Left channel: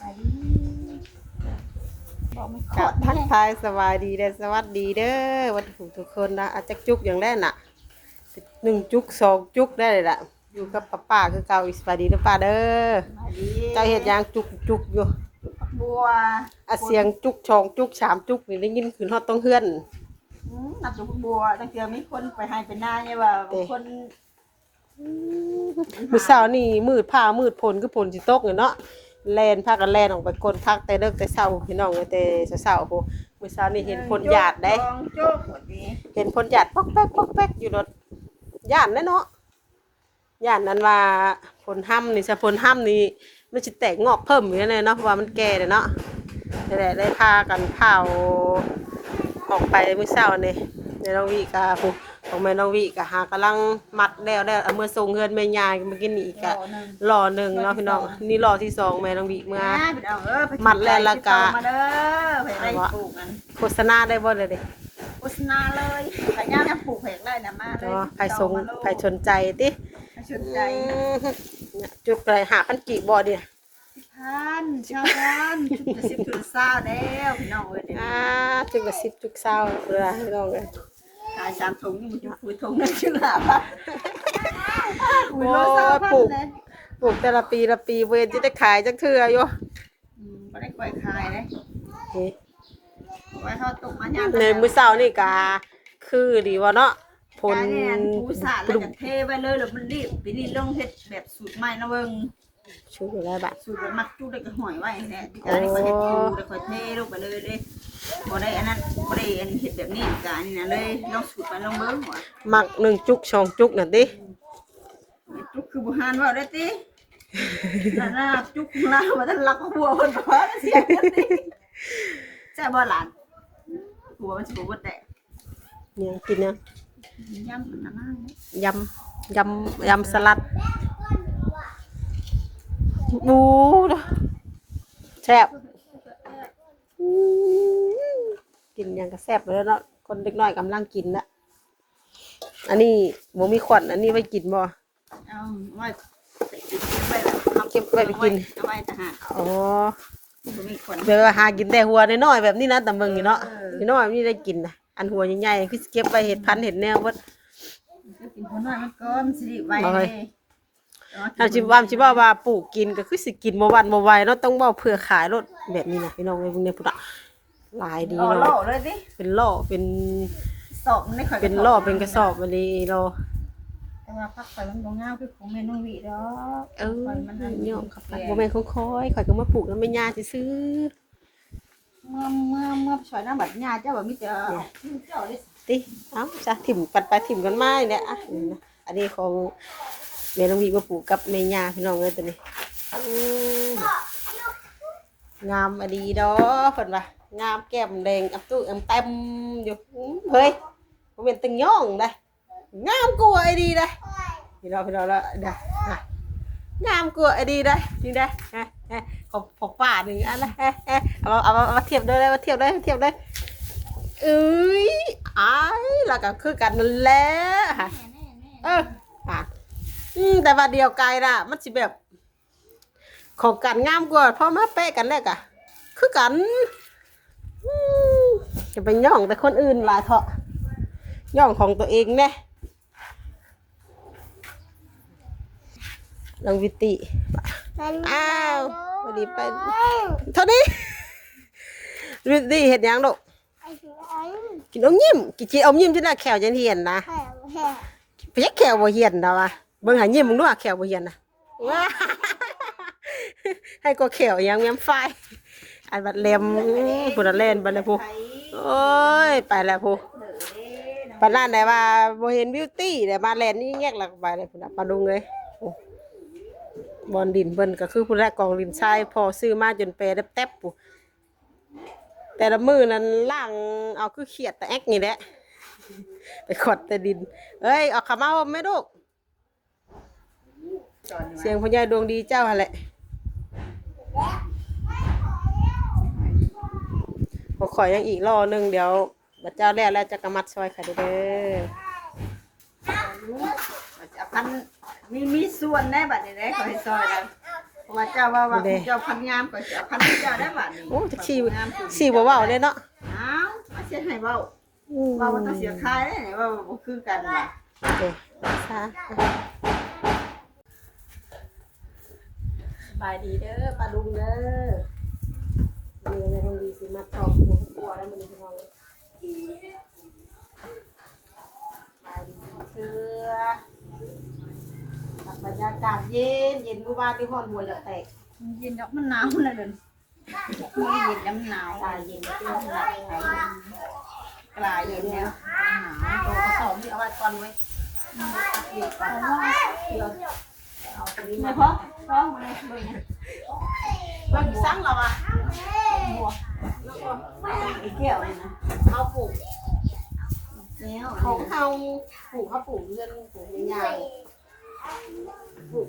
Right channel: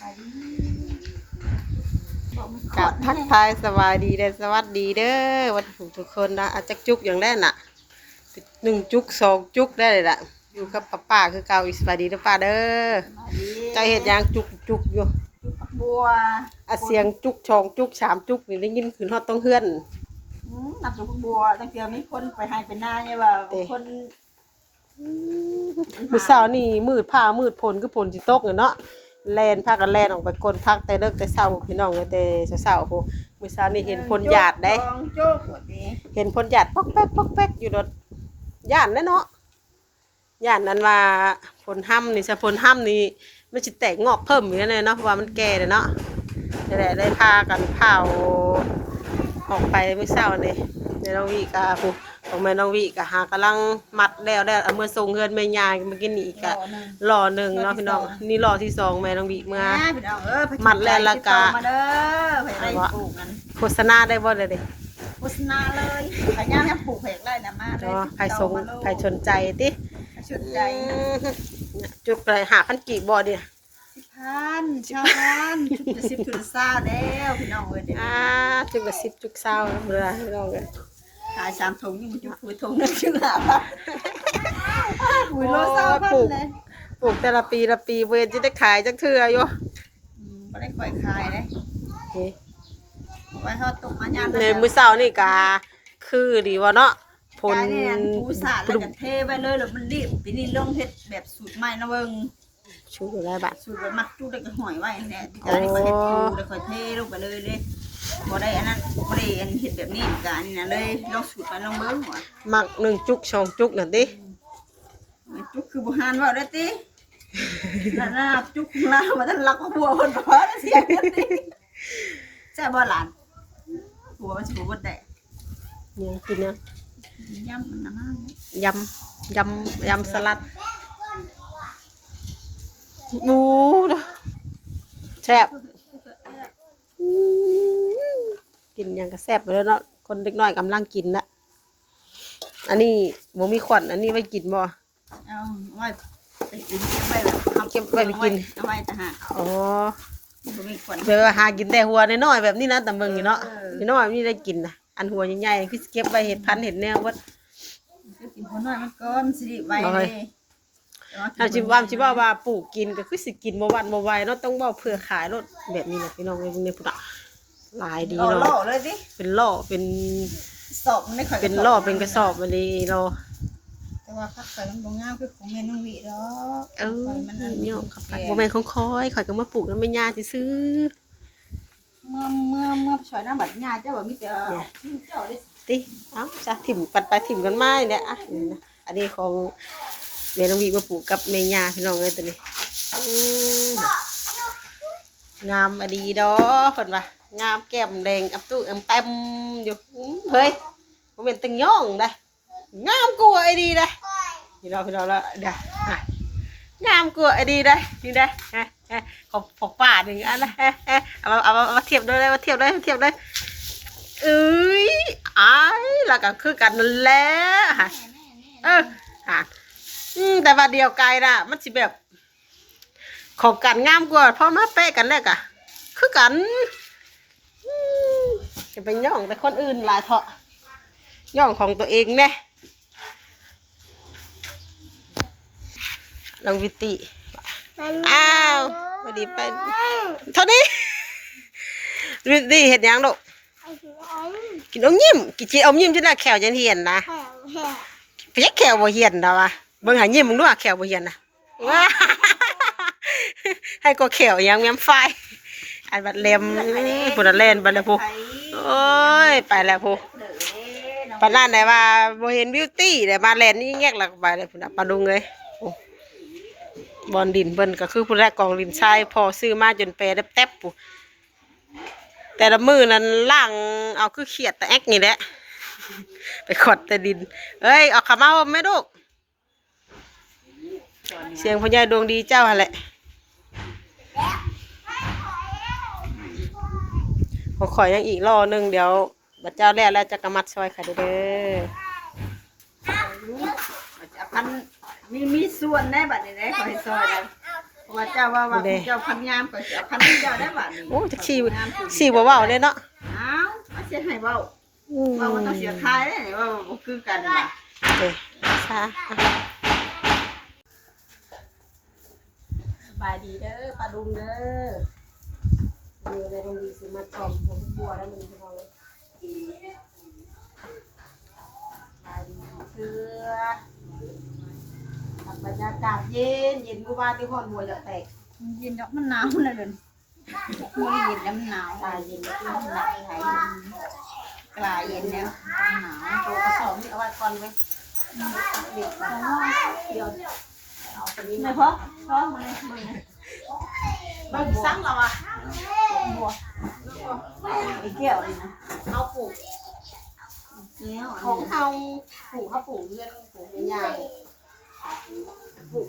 บายดีบอกมันขอกับดทักแน่ทายสวัสดีเด้อสวัสดีเด้อวันถูกทุกคนนะอาจจะจุกอย่างแรกน่ะหนึ่งจุกสองจุกได้เลยล่ะอยู่กับป้าป้าคือเก่าอีกสวัสดีเด้อป้าเด้อสบายดีเจ้าเห็ดหยางจุกจุกอยู่ปักบัวอาเสียงจุกชองจุกสามจุกนี่ได้ยินขึ้นฮอดต้องเฮือนอืมนับจุกปักบัวตั้งแต่มีคนไปให้เป็นหน้าไงว่าเด้คนมือเช้านี่มืดผ้ามืดผลคือผลสิตกเนาะ แล่นพากันแล่นออกไปกลพักแต่เลิกแต่เช้าพี่น้องเลยแต่เช้าๆโหมือเช้านี่เห็นพลหยาดได้เห็นพลหยาดปอกแป๊กปอกแป๊กอยู่รถย่านแน่เนาะหยานนั้นว่าผลห้ำนี่สะพลห้ำนี่มันจะแตกงอกเพิ่มอยู่เลยเนาะเพราะว่ามันแก่เลยเนาะนี่ได้พากันเผาออกไปมื่อเช้านี่ในน้องวิกาผู้ ของแม่น้องวิกะหากำลังมัดแล้วแล้วเอามื่อส่งเงินแม่ยายเมื่อกี้นี่อีกะรอหนึ่งเนาะพี่น้องนี่รอที่สองแม่น้องวิเมื่อแพี่น้องเอ้ยมัดแล้วละกะมาเด้อไปได้ปลูกกันโฆษณาได้บ่เลยเด้โฆษณาเลยไปย่างน้ำปลูกเพกเลยนะมาเลยเนาะใครสงใครสนใจติใครสนใจเนี่ยจุดไรหาพันกี่บ่เนี่ยท่านชาวบ้านชุดละสิบชุดละเศร้าแล้วพี่น้องเอ้ยเดี๋ยวอ่าจุดละสิบจุดเศร้าแล้วเบื่อให้ลองเลยขายสามถุงยิ่งจุกคือถุงนึงชื่อละบาทอุ้ยโลเศร้าพันเลยปลูกแต่ละปีละปีเวรจะได้ขายจังเทื่ออยู่อืมไม่ได้ปล่อยขายเลยไว้เขาตกมาย่างในมื้อเช้านี่กาคือดีว่าเนาะผลยายเนี่ยผู้สาดแล้วก็เทไว้เลยแล้วมันรีบปีนี้ลงเฮ็ดแบบสูตรใหม่นะเบิ่งชูอยู่แล้วบัดสูตรแบบมัดจุกแล้วก็หอยไว้เนี่ยที่การนี่ก็เฮ็ดจูแล้วก็เทลงไปเลยเลย บ่ได้อันนั้นบ่ได้อันเฮ็ดแบบนี้กอันนี้นะเลยลองสูตรไปลองเบิ่งว่ามักหนึ่งจุกสองจุกนั่นติจุกคือบ่หานว่าได้ตินั่นน่ะจุกลาวว่าท่านรักว่าผัวเพิ่นก็พอแล้วเสียเงินติใช่บ่หลานผัวมันสิบ่เบิดได้เนี่ยกินเนี่ยย่ำมันน่ะมากเลยยำยำยำสลัดบูดแซ่บอืมกินห ยังก็แซ่บไปแล้วเนาะคนเด็กน้อยกำลังกินละอันนี้บ่มีขวัญอันนี้ไว้กินบ่เอาไว้ไปกินไปเก็บไว้ไปกินเอาไว้ทหารอ๋อบ่มีคนเดี๋ยวหากินได้หัวน้อยๆแบบนี้นะแต่เบิ่งอยู่เนาะเออน้อยๆนี่ได้กินนะอันหัวใหญ่ๆคือเก็บไว้เห็ดพันธุ์เห็ดแนวว่ากินคนน้อยมันก็มันสิริไว้เอาเลไว้ยถ้าชิว่าชิว่าว่าปลูกกินก็คือสิกินบ่วันบ่ไหวเนาะต้องเว้าเพื่อขายรถแบบนี้นะพี่น้องเอ้ยพวกนี้พุทธะ หลายดีเอาเนาะโล่เลยสิเป็นล่อเป็นสอบมันไม่ค่อยเป็นล่อเป็นกระสอบอันนี้เรา แต่ว่าพักใส่มันบ่งามคือของแม่น้องวิดอกเออข้ยมันนั่นย่อมขับไปบ่แม่นของคอยข่อยก็มาปลูกแล้วไม่ยาซื้อเมื่อเมื่อเมื่อช่วยน้ำบัดญาเจ้าว่ามีแต่เจ้าได้ๆติเอ้าจะถิ่มปันไปถิ่มกันไม้เนี่ยอะนี่นะอันนี้ของแม่น้องวีมาปลูกกับแม่ยาพี่น้องเอ้ยตัวนี้อืมงามอดีดอเพิ่นว่า งามแก้มแดงอับตู้อัมเต็มอยู่อื้อเฮ้ยบ่เป็นตึงย่องได้งามกว่าไอ้ดีได้พี่เราพี่เราแล้วเด้ออะงามกว่าไอ้ดีได้จริงได้ฮะฮะของของป้าหนึ่งอันละฮะฮะเอามาเอามาเอามาเทียบด้วยเลยมาเทียบด้วยเทียบด้วยเอ้ยอ้ายแล้วก็คือกันนั่นแหละฮะเออฮะอืมแต่ว่าเดียวไกลน่ะมันสิแบบของกันงามกว่าพอมาเป๊ะกันแล้วกะคือกันอืม จะไปย่องแต่คนอื่นลาเถอะย่องของตัวเองแน่ลองวิติอ้าวพอดีไปเท่านี้วิติเห็ดยังดอกกินอมยิ้มกินจีอมยิ้มจนได้แขวจนเหียนนะไปยักแขวบ่เหียนดาวะเบิ่งหายิ้มมึงดูว่าแขวบ่เหียนนะว้าให้ก็เขียวยังแง้มไฟ อันบัดเล็มปุระเล่นบัดแล้วพูโอ้ยไปแล้วพูปานนั้นได้ว่าบ่เห็นบิวตี้ได้มาแลนนี่แงกหลักไปเลยพุ่นน่ะปลาดุงเลยโอ้บอลดินเบิ่นก็คือผู้แรกกองดินทรายพอซื้อมาจนเปรแทบๆปูแต่ละมือนั้นล่างเอาคือเขียดแต่แอกนี่แหละ ไปขดแต่ดิน เอ้ยเอาขามาห่มไหมลูกเสียงพญายดวงดีเจ้าหั่นแหละ ขอขอยยังอีกรอหนึ่งเดี๋ยวบัดเจ้าแรกแล้วจะกระมัดซอยค่ะเด้อจะพันมีมีส่วนแน่บัดนี้ได้ขอให้ซอยแล้วว่าเจ้าว่าว่าเจ้าพันงามก็จะพันเจ้าได้บ่โอ้จักสี่สี่บ่เว้าเลยเนาะอ้าวมาเสียให้เว้าอืมว่ามันต้องเสียคายได้ว่าบ่คือกันว่ะเด้ซะบายดีเด้อปลาดุงเด้อ เมื่อในโรงดีสิมาตอบหัวครัวแล้วมันพี่น้องเลยบายดีเพื่อกับบรรยากาศเย็นเย็นเมื่อวานที่ฮอนหัวจะแตกเย็นดอกมันหนาวนะเป็นมันเย็นแล้วมันหนาวตายเย็นแล้วที่มันหนักหายกลายเย็นแล้วหนาวโตกระสอบที่เอาไว้ก่อนไว้ตักเด็กก่อนเดี๋ยวเอาตัวนี้ไม่มาพอพอมาเลยเบิ่งนะเบิ่งสั่งเราอะบัวไอ้แก้วนี่นะเอาปลูกแล้วของเขาปลูกเขาปลูกเงินปลูกใหญ่ปลูก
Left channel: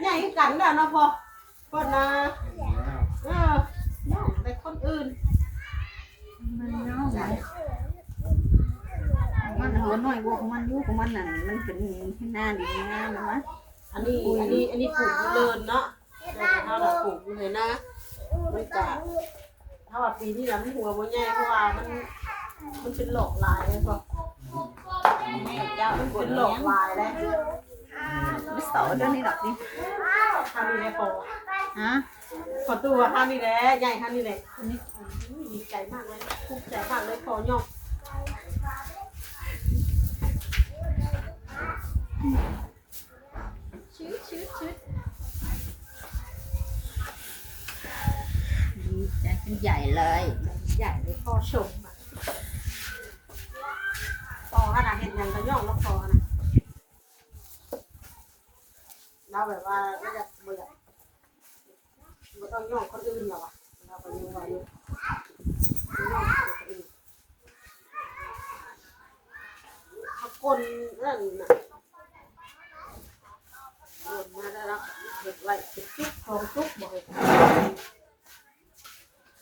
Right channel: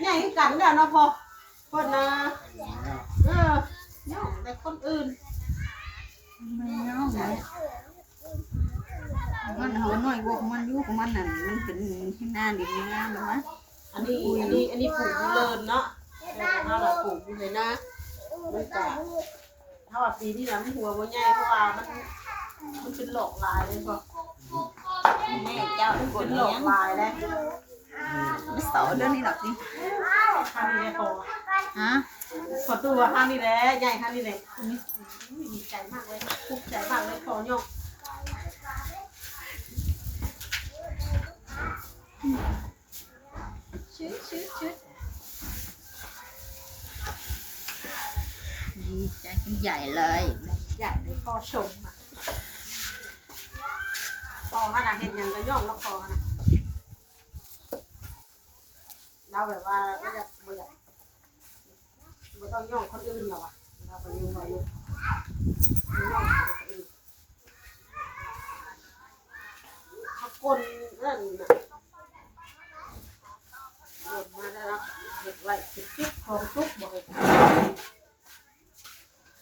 ใหญ่กันแล้วเนาะพอคนนะเออเนาะแต่คนอื่นมันเงาไหนมันหัวน้อยพวกมันอยู่ของมันนั่นมันเป็นหน้าดีหน้านะวะอันนี้อันนี้อันนี้ปลูกเลินเนาะแต่ ถ้าเราปลูกเลยนนะมันจะถ้าว่าปีนี้นะมันหัวมันใหญ่เพราะว่ามันมันเป็นหลอกลายเลยพอแม่เจ้าเป็นเป็นหลอกลายแล้วไม่เสาเรื่องนี้หรอกนี่ท่านี่แหละพอฮะขอตัวท่านี่แหละใหญ่ท่านี่แหละดีใจมากเลยภูมิใจมากเลยพอยกชื้อชื้อชื้อดี ใจใหญ่เลยใหญ่เลยพ่อชมอะพอขนาดเห็นยังก็ย่องแล้วพอนะเราแบบว่าไม่อยากไม่อยากไม่ต้องย่องคนอื่นหรอกอะเราไปย่องเราอยู่ย่องคนอื่นเขาคนนั่นน่ะรวมมาได้แล้วเห็ดไว้สิบจิ๊บของทุกบ่อย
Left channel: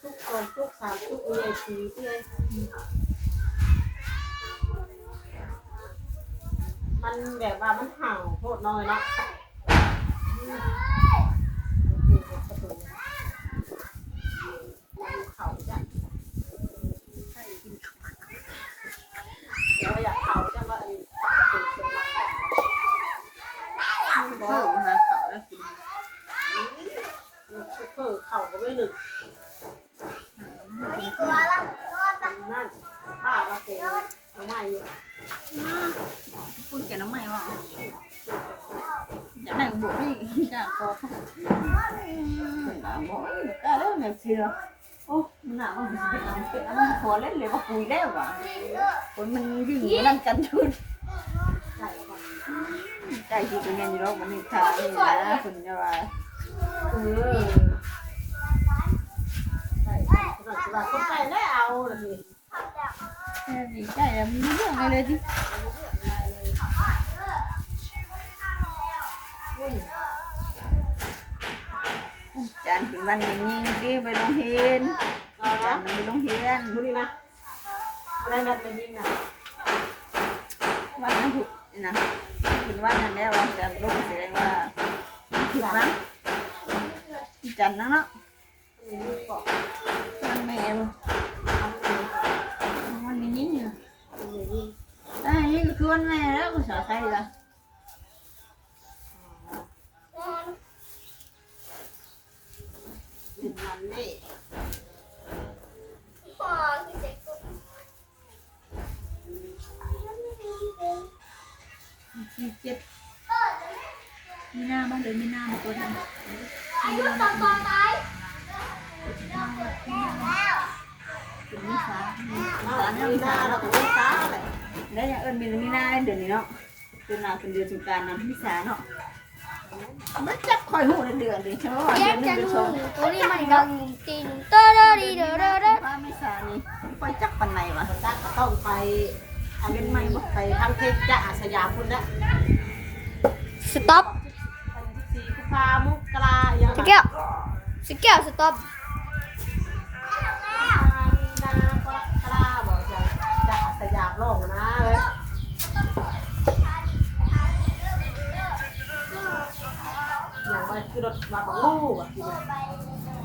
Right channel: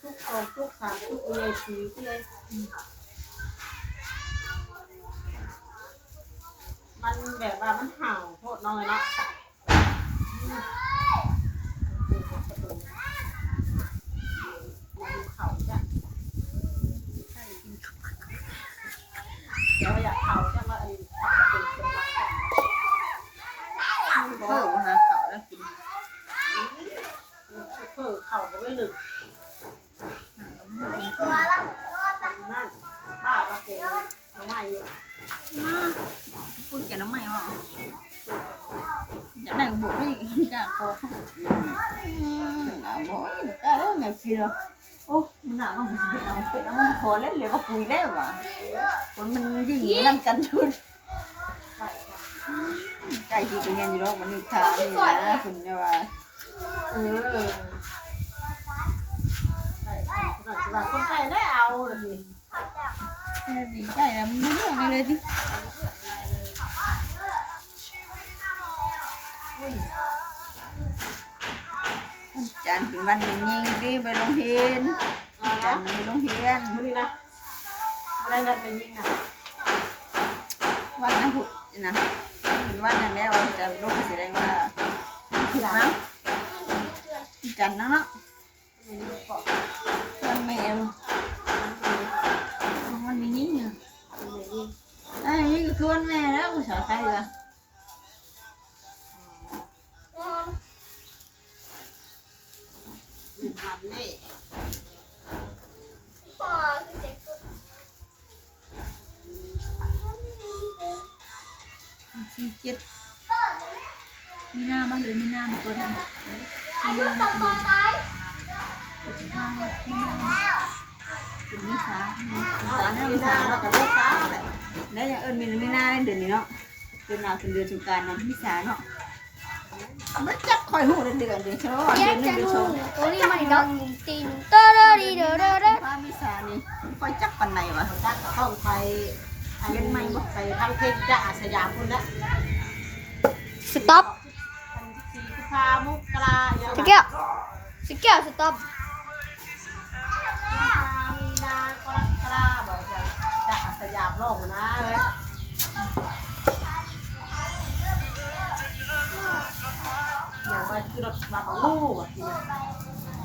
ทุกของทุกสามทุกเอยสีเลยมันแบบว่ามันห่าวโทษน้อยเนาะมันเข่าจ้ะเราอยากเข่าจ้ะว่าอันนี้เป็นเป็นรัก มันบอกว่ามาเสาแล้วกิน เพิ่เข่าก็ไม่หนึกนั่นบ้าเราเก่งทำไมอยู่ พูดแกน้ำไม่ว่าอยากได้บุกนี่อยากพอหนาบ่อยได้แล้ว แม่ชีเหรอโอ้มันหนามันเป็นเอาเป็นเอามันพอเล่นเลยว่าคุยแล้วว่ะคนมันยิ่งอยู่นั่นกันชุดใช่ค่ะใจที่เป็นยังอยู่แล้วมันข่าวนี่นะคุณจะว่าเออคนละคนไข้ได้เอาเลยดีใจแล้วมันเรื่องอะไรดิ เป็นวันอย่างนี้ดิไปโรงเรียนเอาจาละนไปโรงเรียนดูนี่นะอะไรนั่นเป็นยิ่งนะวันนั้นหุดนะเป็นวันนั้นแล้วจะลงแสดงว่าผิดนะจันนะเนาะเป็นยิ่งก่อนวันแม่ลูกมันเป็นวันนี้เนี่ยยิ่งไอ้นี่ก็คือวันแม่แล้วกูสาวใครล่ะ จ็ดมีหน้าบ้างเลยมีหน้ามาตัวทำมีหน้าเป็นมิสามีเอาสาอันหน้านี้มิหน้าเราแล้วก็ไม่ซ้าเลยแล้ย่างเอิญมีมีหน้าเดือนนี้เนาะเดือนหน้าเป็นเดือนสงกรารนะมิสาเนาะมันจับคอยหูเดือนเดือนเดือนเท่าไหร่แยกเจะอนนูสองตัวนี้มันดังตินเตอร์ดีเดอเดอเดอป้ามิสานี่คอยจับปันไหนวะตักก็ต้องไปอันนี้ไปทางเพชรจะอาสยามคุณนะ ต็อปสีกุพามุกกลาอย่างสเกียวสเกียวสต็อปมีนากรกลาบอกว่าจะอาสยามโลกนะเว้ยไปคือรถบักบักมู่อะกิน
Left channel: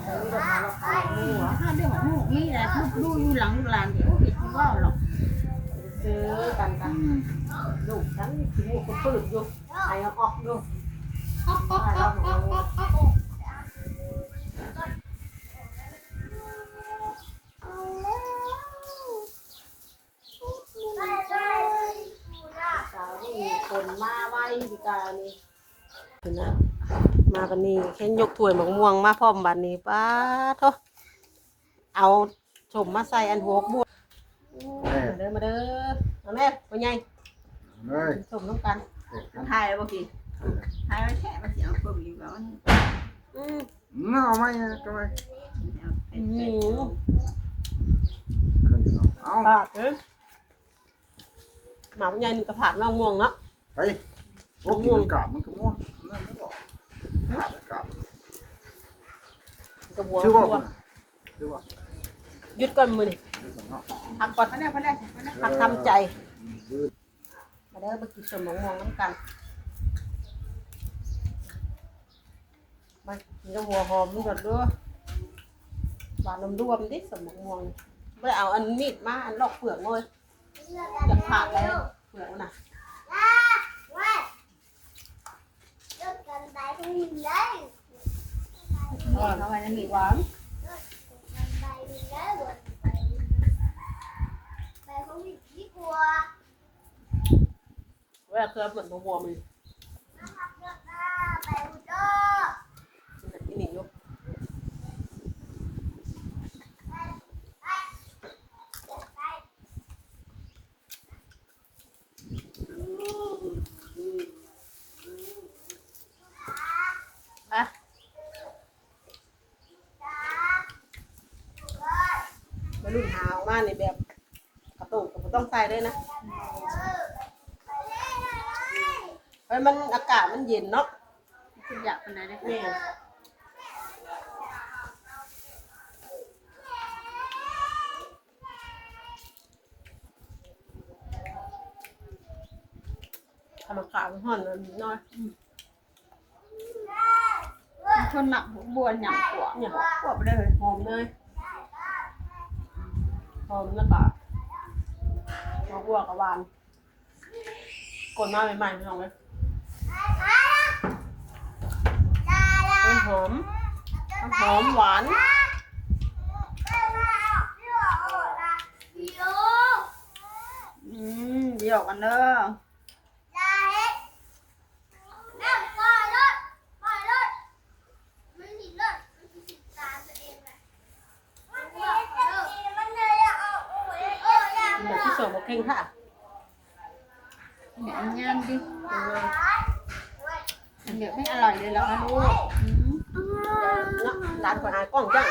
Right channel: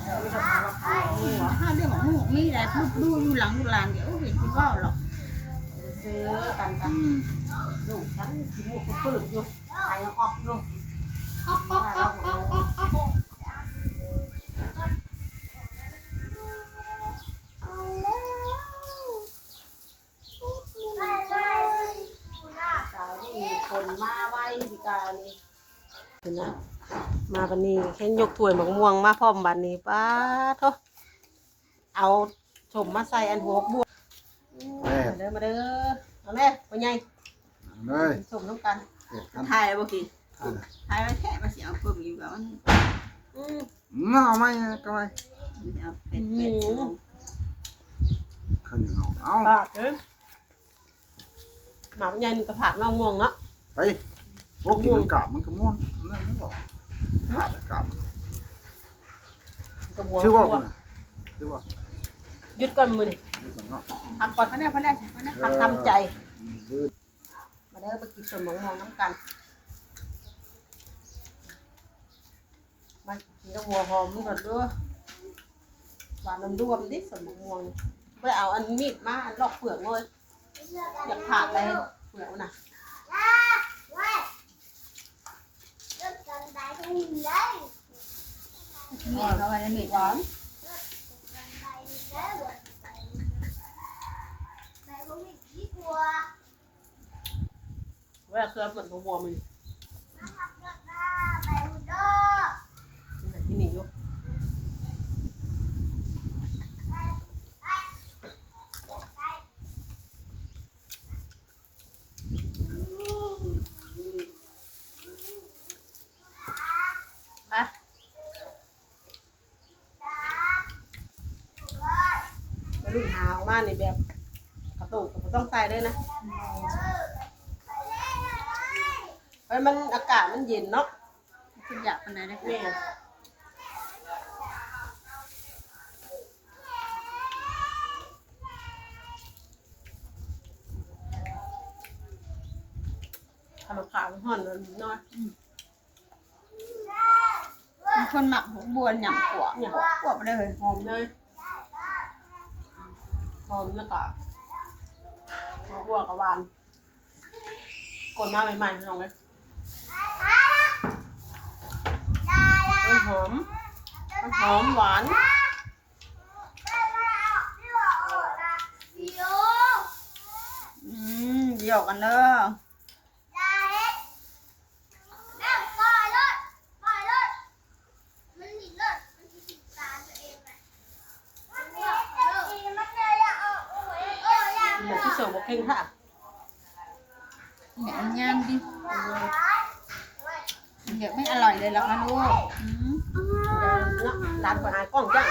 เออรถมาเราขายมู่อะถ้าเรื่องของหมูนี่แหละพูดดูอยู่หลังอยู่หลังเดี๋ยวเห็นคุณว่าหรอกซื้อกันกันลูกฉันขี้มูกก็ปืดอยู่ ไอ้ออกอยู่สาวที่คนมาไว้ดีกานี่เห็นะมาบันนี้แค่ยกถ้วยหมกม่วงมาพร้อมบันนี้ป้าโทเอาชมมาใส่อันหัวบัวมาเด้อมาเด้อมาแม่พ่อใหญ่เลยชมน้ำกัน เด็ดกันถ่ายแล้วบ่กี่ถ่ายไว้แค่มาเสียงเบิ่งอยู่ก่อนอืมเงาไหมก็ไม่เอาเป็นอืมขึ้นอีกเอาเอาปาดเด้อหมาพ่อใหญ่นี่กระผาดมาม่วงเนาะไปพวกกินกาบมันก็ม่วงนั่นไม่บอกกาบกระบวชื่อว่าบัวชื่อว่าหยุดก่อนมือนี่ทำก่อนมาได้มาได้มาได้ทำทำใจมา เด้อไปกินสมหมกม่วงน้ำกัน มากินกับหัวหอมนี่ก่อนด้วยหวานน้ำรวมดิสมหมกม่วงเพื่อเอาอันมีดมาอันลอกเปลือกเลยจะผ่าไรเปลือกมันน่ะนี่เขาไว้ในมีดหวา เวลาเคยเปิดหัวมันมันที่นี่อยู่มามาลุ่นหาออกมาในแบบประตูก็บ่ต้องใส่เลยนะ เอ้ยมันอากาศมันเย็นเนาะคุณอยากปานไหนได้เนี่ยทำอากาศมันห่อนมันน้อยมีคนหมักหัวบัวหยำขวบขวบไปเลยหอมเลยหอมแล้วก็หัวบัวกับหวานกดมาใหม่ๆลองเลย ต้นหอมต้นหอมหวานอืมเดี๋ยวกันเด้อกินแบบที่สองบอกเพ่งค่ะเนี่ยงามดิ เดี๋ยวไม่อร่อยเลยแล้วคะลูก อืมร้านก่อนอายกล้องจัง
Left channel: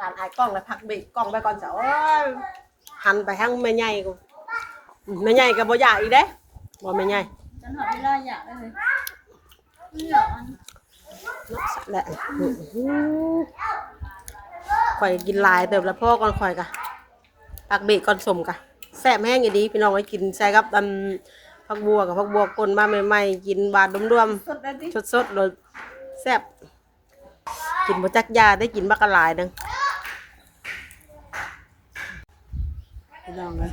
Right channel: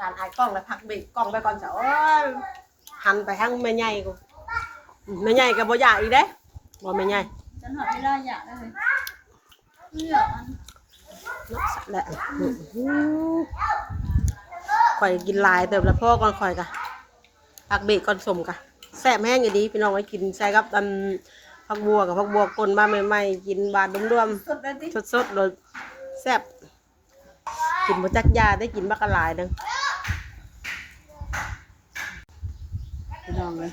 ร้านอายกล้องแล้วพักเบรกกล้องไปก่อนเจ้าโอ้ยหันไปทางแม่ใหญ่กูแม่ใหญ่กับบ่ใหญ่อีกเด้บ่แม่ใหญ่ฉันหอดเวลาอยากได้เลยเดี๋ยอันนาะสัตว์แหละข่อยกินลายเติบแล้วพ่อก่อนข่อยกะพักเบรกก่อนสมกะแซ่บแห้งอย่างดีพี่น้องไว้กินใส่กับอัน ผักบัวกับผักบัวกลนมาใหม่ๆกินบาดรวมๆสดได้ดิสดๆเลยแซ่บกินบะจักยาได้กินบักกะหลายนึงพี่น้องเลย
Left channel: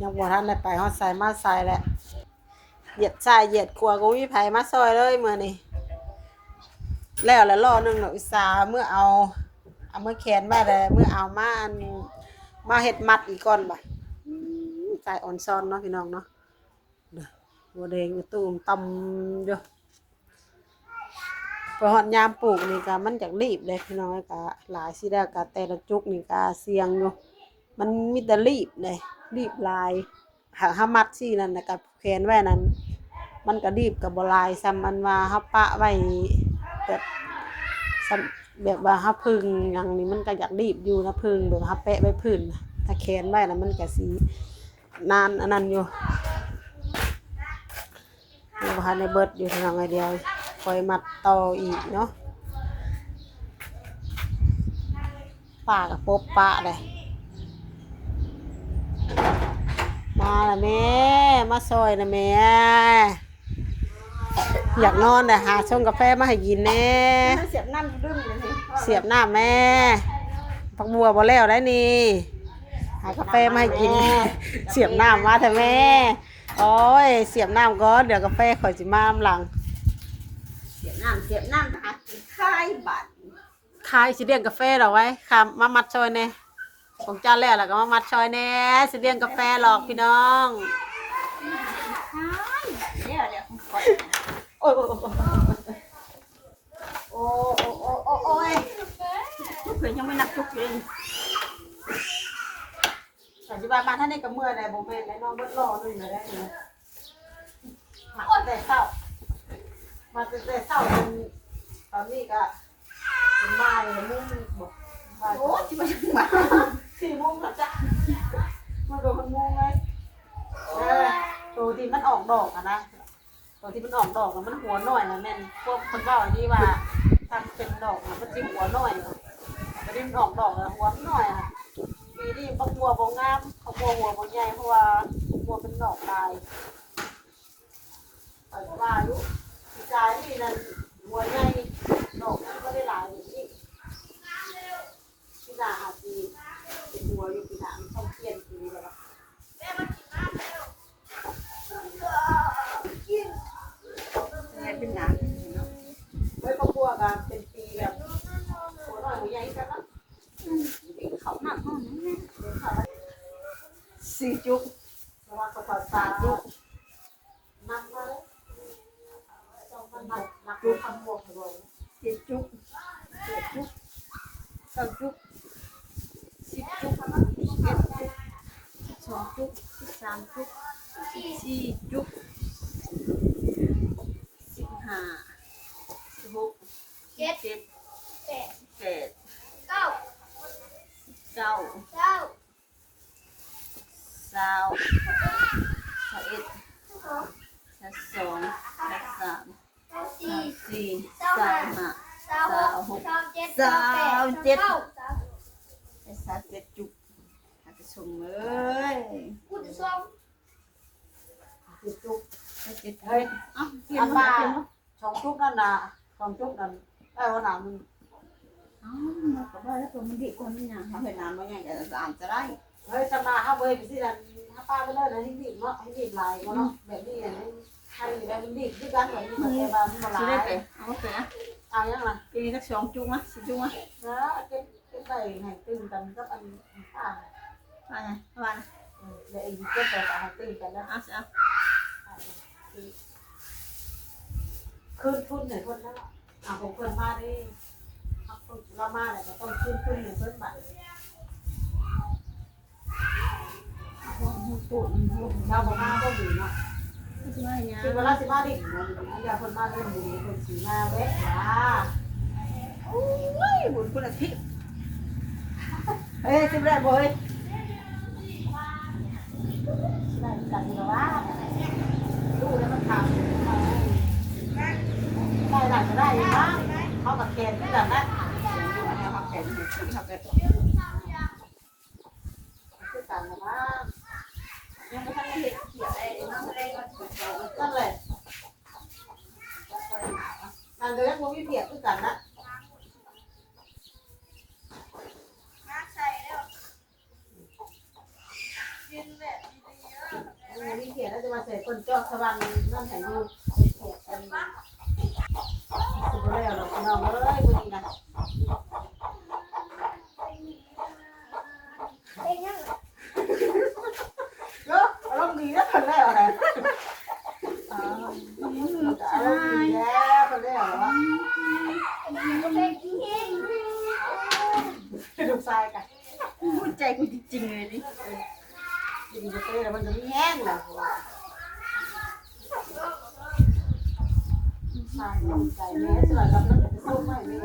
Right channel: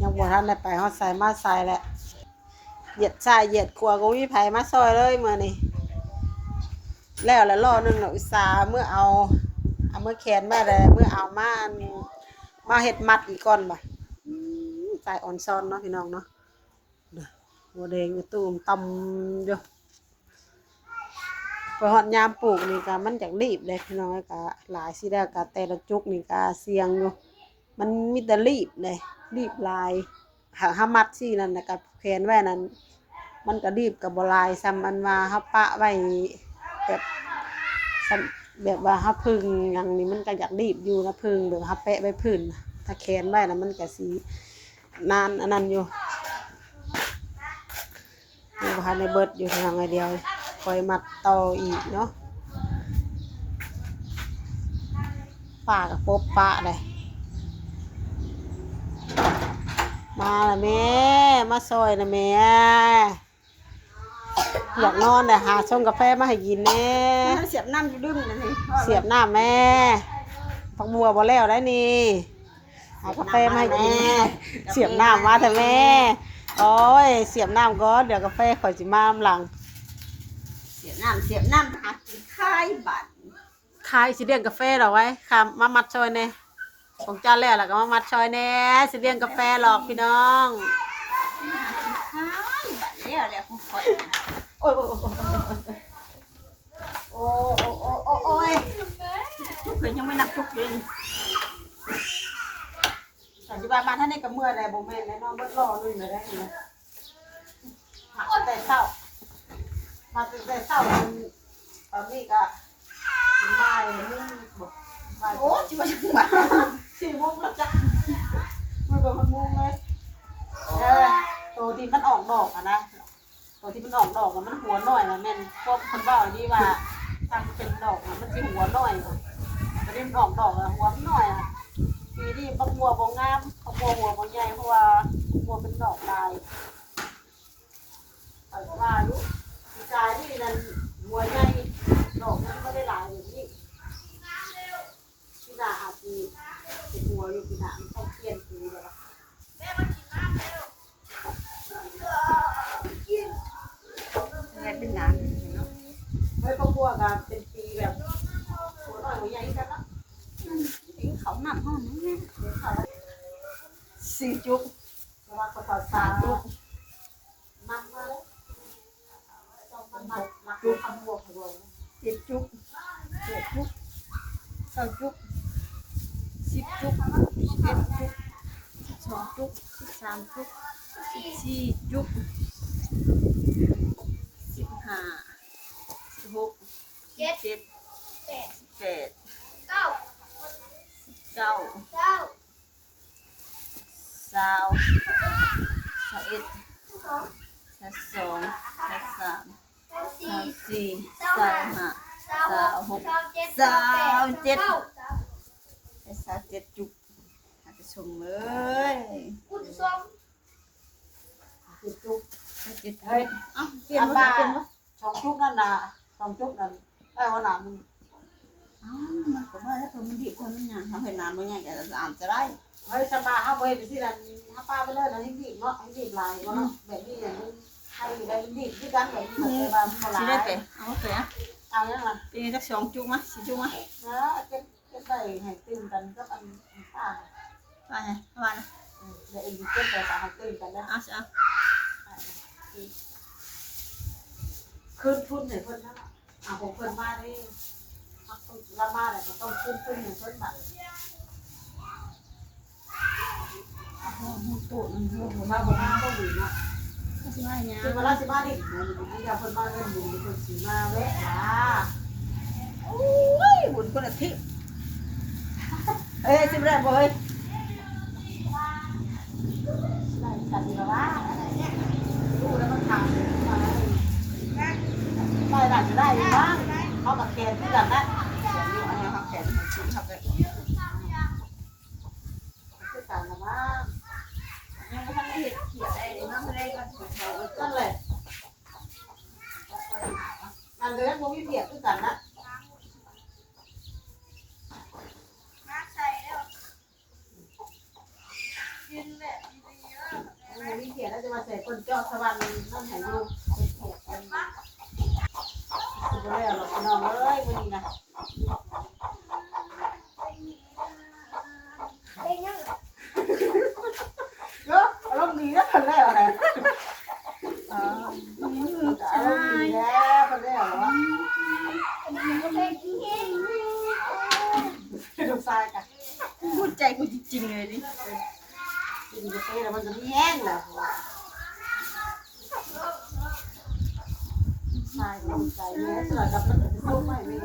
ยังบ่ทันได้ไปฮอดใส่มาใส่แหละเหยียดใส่เหยียดครัวก็มีไผมาซอยเลยมื้อนี้แล้วแล้วรอหนึงเนาะอุตส่าห์เมื่อเอาเอาเมื่อแขนมาแล้วเมื่อเอามาอันมาเฮ็ดมัดอีกก่อนบ่ะอืมใส่ออนซอนเนาะพี่น้องเนาะเด้อบัวแดงตูมต่ำอยู่พอหอดยามปลูกนี่ก็มันจากรีบเลยพี่น้องก็หลายสิแล้วก็แต่ละจุกนี่ก็เสียงอยู่มันมีแต่รีบเลยรีบลายหากหามัดสินั่นนะกับแขนไว้นั้น มันก็รีบกับบลายซ้ำอันว่าเฮาปะไว้แบบแบบว่าเฮาพึ่งอย่างนี้มันก็อยากรีบอยู่นะพึ่งแบบเฮาแปะไว้พื้นถ้าแขนไว้นะมันก็สินานอันนั้นอยู่ ยังบ่ทันในเบิดอยู่ทางไอเดียวคอยมัดต่ออีกเนาะป่ากับปบปะเลยมาละแม่ มาซอยละแม่ อยากนอนแต่หาชงกาแฟมาให้กินแน่เสียบน้ำอยู่ดึงเลยสิเสียบหน้าแม่ผักบัวบ่แล้วได้นี่หากาแฟมาให้กิน เสียบน้ำมาเถอะแม่ โอ้ย เสียบน้ำก่อน เดี๋ยวกาแฟข่อยสิมาอำหลัง เสียบน้ำเสียบน้ำหากินข้ายบัตรขายสิเลี้ยงกาแฟเหรอไว้ค่ะมามัดซอยแน่ของเจ้าแล้วล่ะก็มามัดซอยแน่สิเลี้ยงกาแฟหรอกพี่น้องข้ายบัตรเนี่ยแหละของข่อยโอ้ยโอ้ยโอ้ยโอ้ยโอ้ยโอ้ยเพิ่นยังไม่นับทุกเดือ นปัจจุบันมาท่านในกับเมื่อใดโบแมนและน้องเบิดรอหนึ่งเลยได้ไหมมาตั้งแต่เช้ามาตั้งแต่เช้าจนตอนนี้ก็เป็นบ่ายมุ่งบอกบ่ายโอ้ยจิมาจังหวะสี่โมงแล้วจ้ะมาโดนมันโมงเลยเออตัวที่มันออกดอกอะนะตัวที่มันออกดอกอะมันหัวหน้อยนะแม่นพวกคนเบ้าที่ว่าทำเป็นดอกอะมันจะหัวหน้อยนะแต่ที่มันออกดอกอะหัวมันน้อยอะ ปีนี้บักบัวบงามบักบัวหัวบงใหญ่เพราะว่าบักบัวเป็นดอกลายแต่ว่าลูกปีกายนี่นั่นหัวใหญ่ดอกมันไม่ได้หลายอย่างนี้พี่นาอาจจะเป็นหัวอยู่พี่นามันต้องเปลี่ยนปีแล้วล่ะงานเป็นงานเฮ้ยบักบัวกันเป็นปีแบบหัวน้อยหัวใหญ่กันนะเขา สี่จุกเพราะว่าเขอนสาธุมันมาเลยต้องมันมันนักดูคำบวกหลงเราเจ็ดจุกเจ็ดจุกสองจุกสิบจุกสิบเอ็ดจุกสองจุกสิบสามจุกสิบสี่จุกสิบห้าสิบหกสิบเจ็ด แปด สิบแปด เก้า เก้า เก้า สาวสาวเอ็ด สอง สาวสองสาวสาม เก้า สา สี่ วสี่สาวห้า เก้าหกเก้าเจ็ดเก้าแปดเก้า แต่สาวเจ็ดจุกหากระชมเอ้ย คุณสอง สิบจุก สาว เจ็ดเฮ้ยเอ้าเปลี่ยอันนบ่บ้าเปลี่ยนบ่สองจุกนั่นน่ะสองจุกนั่นได้วันหนามันเอ้ามันก็ว่าแล้วคนมันดีคนมันหยังเขาเห็นน้ำบ่ยังจะอ่านจะได้เฮ้ยจะมาเอาไปไปสินั่นถ้าป้าไปเลยนะให้ดีบเนาะให้ดีบลายเนาะแบบนี้เนี่ยให้ได้ดีบที่กันแบบนี้มันจะมามันสิลาได้ยไปเอาไปอะเอาอย่างไรปีนี้สักสองจุกมั้ยสี่จุกมั้ยนะเป็นเป็นไปให้ตื่นกันกับอันป้าว่าไงว่านะเดี๋ยวอีกเก็บไปแต่ให้ตื่นกันนะเอาสิเอาคืนทุนเนี่ยเพิ่นนั่นแหละเอาของเพิ่อนมาได้ละมาเนี่ยก็ต้องคืนทุนเนี่ยเพิ่นบัตรปวดปวดมาบมาบ่มีเนาะสิว่าหยังคือเวลาสิมาดิเนี่ยอันนี้เพิ่นมาเล่นอยู่เพิ่นสิมาแวะว่าโอ้ยบุญคนละทิศเอ้ยสิบ่ได้บ่เอ้ยได้กันอยู่แล้วว่าดูแล้วมันถามมาได้ได้จะได้อยู่ บ้างเขากับแกนที่แบบนั้นคือกันนะบ้างยังไม่ทันได้เฮ็ดเขียอะไรเลยนั่นเละงานเดือนพวกพี่เพียรคือกันนะมีเพียรแล้วจะมาใส่คนเจาะสวรรค์นั่นแห่งลูกเป็นเพียรเป็นสุดแล้วหรอกน้องเอ้ยพอดีนะ เองนั่น เนาะอารมณ์ดีนะคนแล้วอะไรอารมณ์ดีแล้วคนแล้วเหรอ ยังไม่เป็นเอง ดูทรายกัน พูดใจกูจริงๆเลยดิ ดีจะเต้แล้วมันจะไม่แห้งแหละทรายก็ใจแม่สลับกับมันจะสู้ไม่ไม่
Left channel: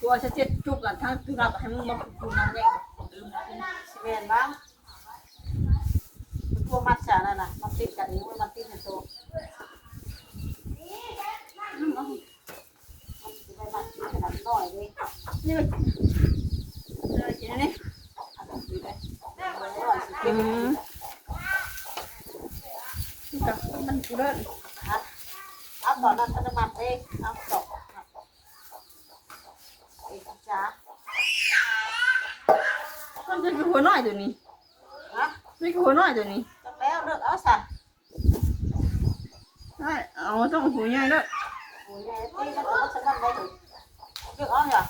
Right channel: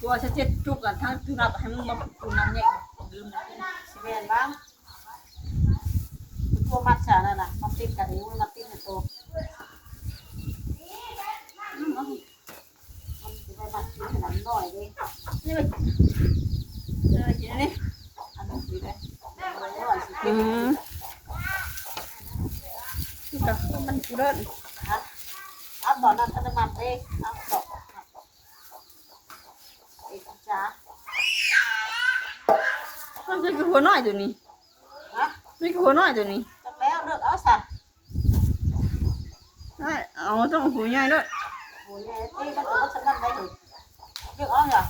ตัวฉันเจ็ดจุกก่อนถ้าจุกรับให้มึงบอกกูน้ำแยกสิเวียนบ้างตัวมัดฉานั่นน่ะมันติดกันนี้มันมันติดในตัวมันจะไปมัดขนาดน้อยเลยนี่มันอะไรกินนี่อันนั้นดีเลยน้อย สิอืเป็นมนี่ก็มันเลิศฮะเอ้ยเอาตอกเอ้ยจ้ามันจะหัวน้อยตัวนี้ฮะนี่หัวน้อยตัวนี้จักแล้วเลือกเอาซะได้เอาต้องหัวใหญ่ด้วยโอ้ยยายตีมันจะว่าฉันนั่นได้เลยเลือกเอาเหรอ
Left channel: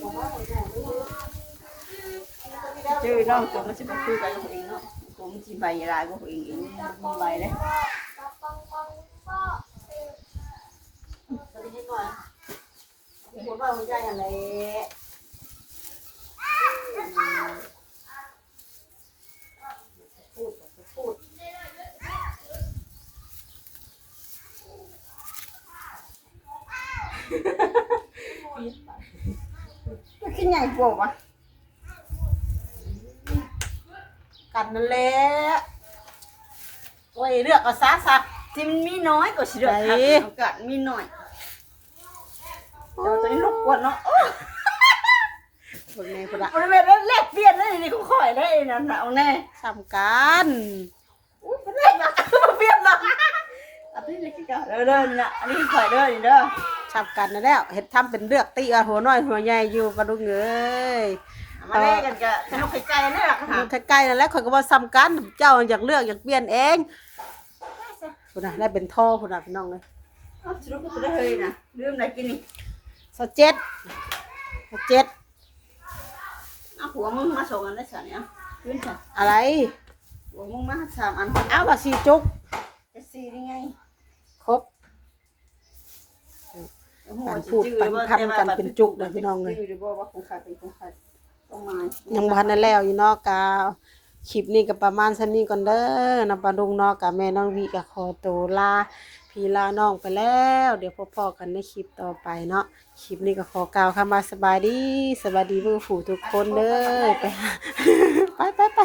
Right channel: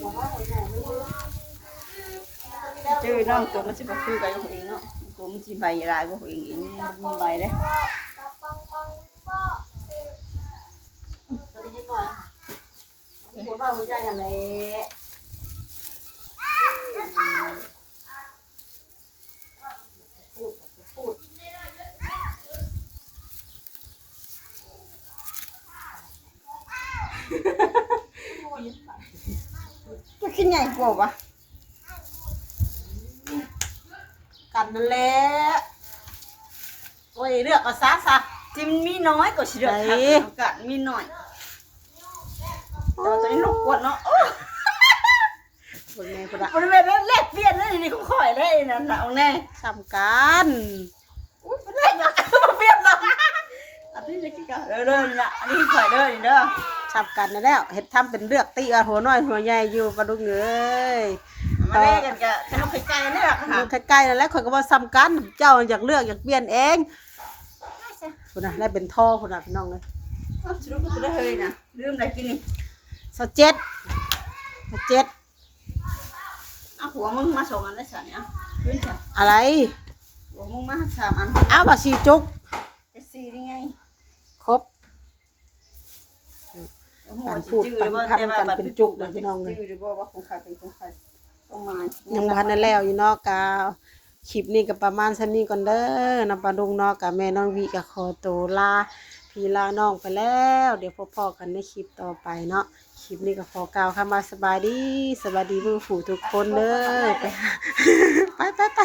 โอ้โห ชื่อน้องตัวมันจะคุยไปเองเนาะตัวมันจะใบลายก็เองเองมีใบเลยจะได้ยินหน่อยหัวน้อยหัวใหญ่อะไรพูดพูดจะขึ้นใหญ่กว่าปะ กันนั่นแหละโอ้ยเลือกเอาซะซะที่มันมีน้อยกว่าสิเดือดไหนโอกาสมีน้อยแต่ว่าตัวนี้ลูกกว่าเนาะพวกนี้พวกละบริเวณนั้นแลกเปลี่ยนเลยนี่เขาข่อยเลยนั่นน่ะเอาแน่สำคัญอุ้ยเป็นแรกนะมาเปลี่ยนหรอกอันนี้จะกี่กันเด้อเด้อนี่นะอันนี้ข่อยเด้อนี่เด้อสำคัญนะแล้วเห็ดทำเป็นเลือกตีเอาหัวน้อยหัวใหญ่อยู่ปลาดุกเอ้ย มาแลกกันกับขนมไข่ไก่นี่แหละค่ะมันใกล้ๆนั่นแหละข่อยก็บ่ซ้ำกัน เจ้าอยากเลือกอยากเปลี่ยนเองพุ่นน่ะได้เป็นท่อพุ่นน่ะพี่น้องเลยเอาชุดก็จะได้เฮ้ยนะลืมอะไรกินนี่สเจ็ดสเจ็ดเอาหัวมึงมาส่งอันได้สันเนี่ยยืนจ้ะอะไรหัวมึงมาสามอันอ้าวว่าสีจุกจะสี่ยังไงครบการพูดปันพันกันเป็นจุกเลยพี่น้องเลย ยังบ่ทันได้แล้วอยู่เนาะกาคลิปนี้ก็ประมาณชั้นนี้ก่อนเด้อนำปลาดุงเนาะกับแม่น้องวีกับขอตัวลาพีลาน้องไปแล้ว เดี๋ยวพบๆกันในคลิปต่อไปเนาะคลิปนี้ก็ขอกล่าวคำว่าสบายดีสบายดีเพื่อฝูทุกคนเด้อไปไปไปไป